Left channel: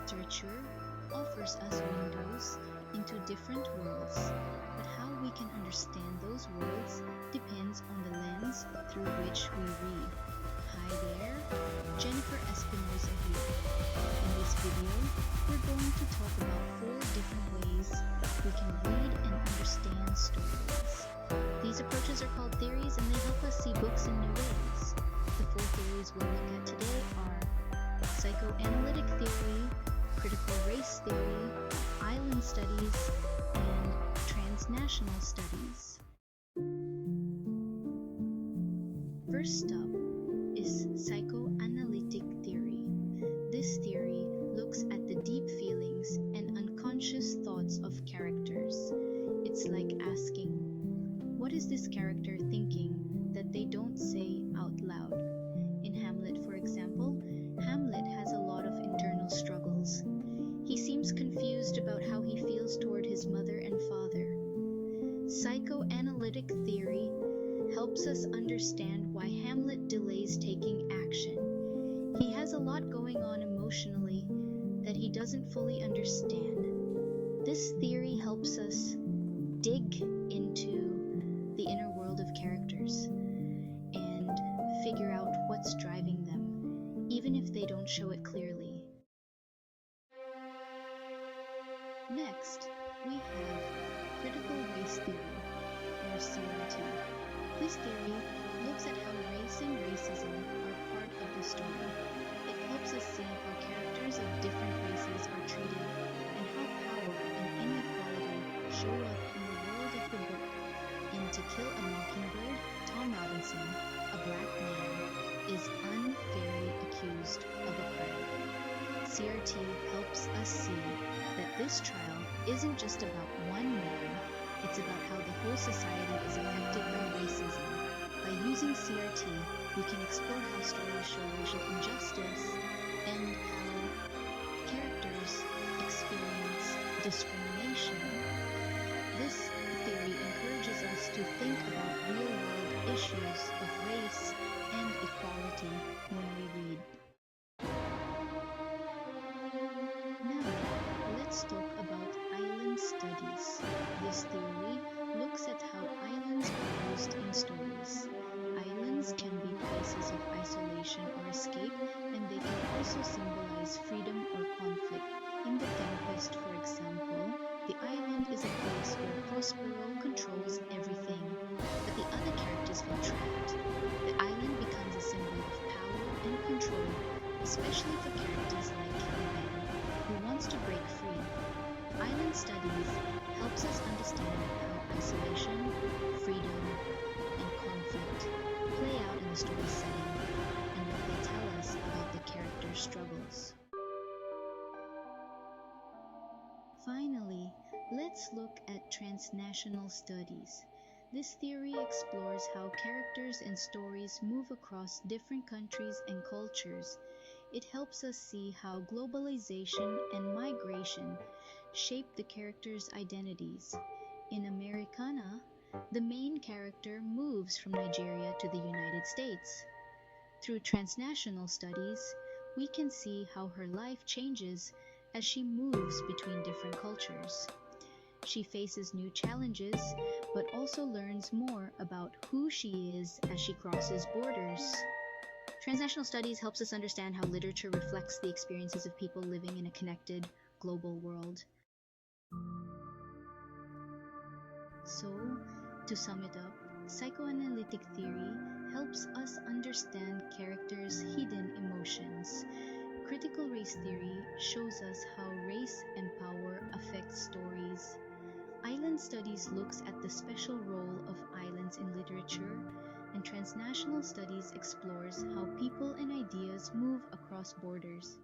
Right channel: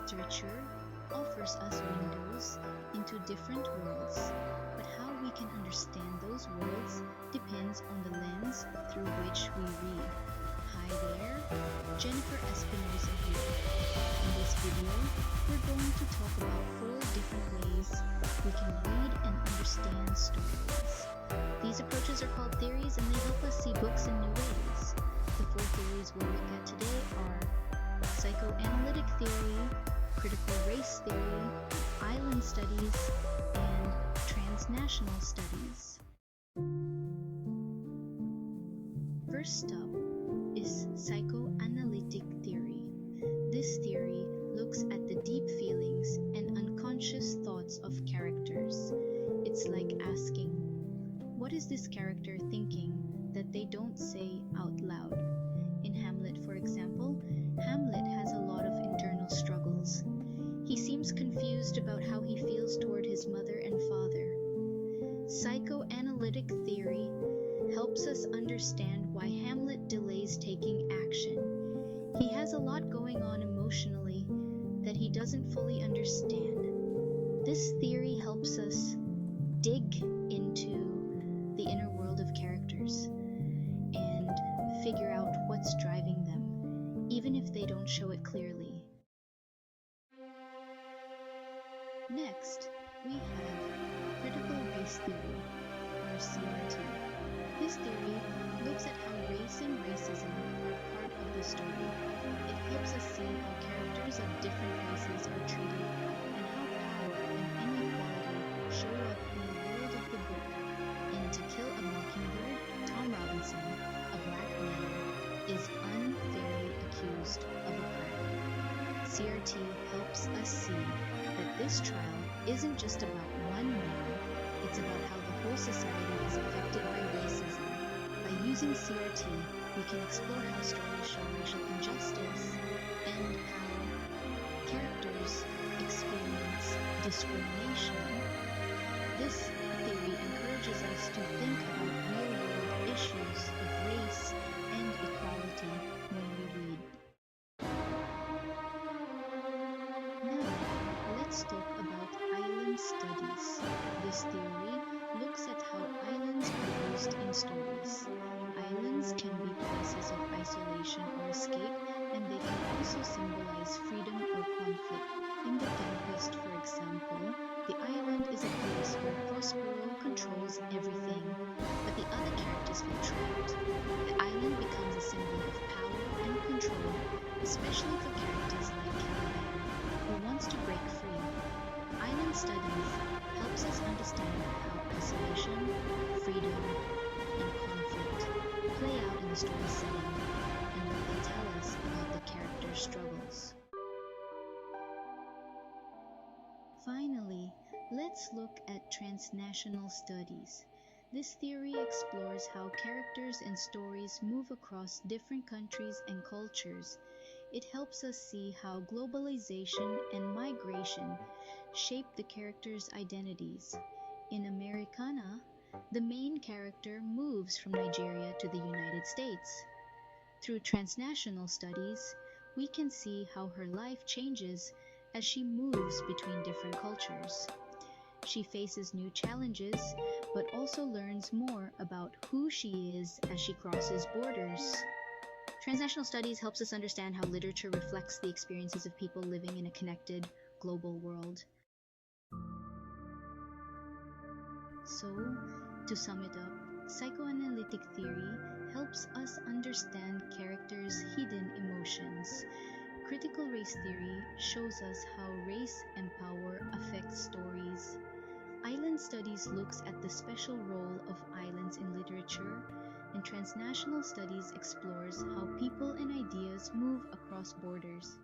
Literature offers us windows into different worlds, but how we can understand those worlds depends on the lens through which we read. Hi there, Jennifer Espinosa here. In this video, we're going to talk about 4 different ways we can read and understand stories. These approaches are called theories and they help us see books in new ways. The 4 theories we'll look at today are Psychoanalytic Theory, Critical Race Theory, Island Studies, and Transnational Studies. First up is Psychoanalytic Theory. This theory looks at the deep feelings and unconscious thoughts of characters. It's like asking, what is this character thinking that they don't say out loud? In Hamlet, for example, Hamlet has a lot of internal struggles. He seems confused about how he feels toward his mother and father. Psychoanalytic theory helps us understand why Hamlet delays taking action. He has a lot going on emotionally that he doesn't fully understand. This theory helps us dig into the inner world of characters and figure out what's driving them, even if they don't show it clearly. Next, we have Critical Race Theory, or CRT. This theory looks at how race and racism are part of the story. It helps us see how characters of different races are treated and how power and inequality show up in the world of the book. In To Kill a Mockingbird, Tom Robinson, a black man, is unfairly accused of a crime. CRT helps us see that this trial isn't just about one man, it's about how the whole society is affected by racism. By using CRT, we can explore how stories show racial injustice and how characters experience discrimination. This theory encourages us to think about real-world issues of race and equality when we read. Now, let's talk about island studies. This theory looks at how islands are used in stories. Islands can be places of isolation or escape, and they can also symbolize freedom or conflict. In the Tempest, for example, the island is a place where Prospero controls everything, but the other characters feel trapped. The island becomes a symbol of power and control, especially for characters like Caliban, who wants to break free. Island studies helps us understand how isolation, freedom, and conflict play out in the story setting and what they tell us about the characters' struggles. Finally, let's look at Transnational Studies. This theory explores how characters and stories move across different countries and cultures. It helps us see how globalization and migration shape the characters' identities. In Americanah, the main character moves from Nigeria to the United States. Through transnational studies, we can see how her life changes as she moves between different cultures. She faces new challenges, but also learns more about who she is as she crosses borders. Transnational studies helps us understand how literature reflects the experiences of people living in a connected, global world. So, to sum it up, psychoanalytic theory helps us understand characters' hidden emotions. Critical race theory shows us how race and power affect stories. Island studies looks at the special role of islands in literature, and transnational studies explores how people and ideas move across borders.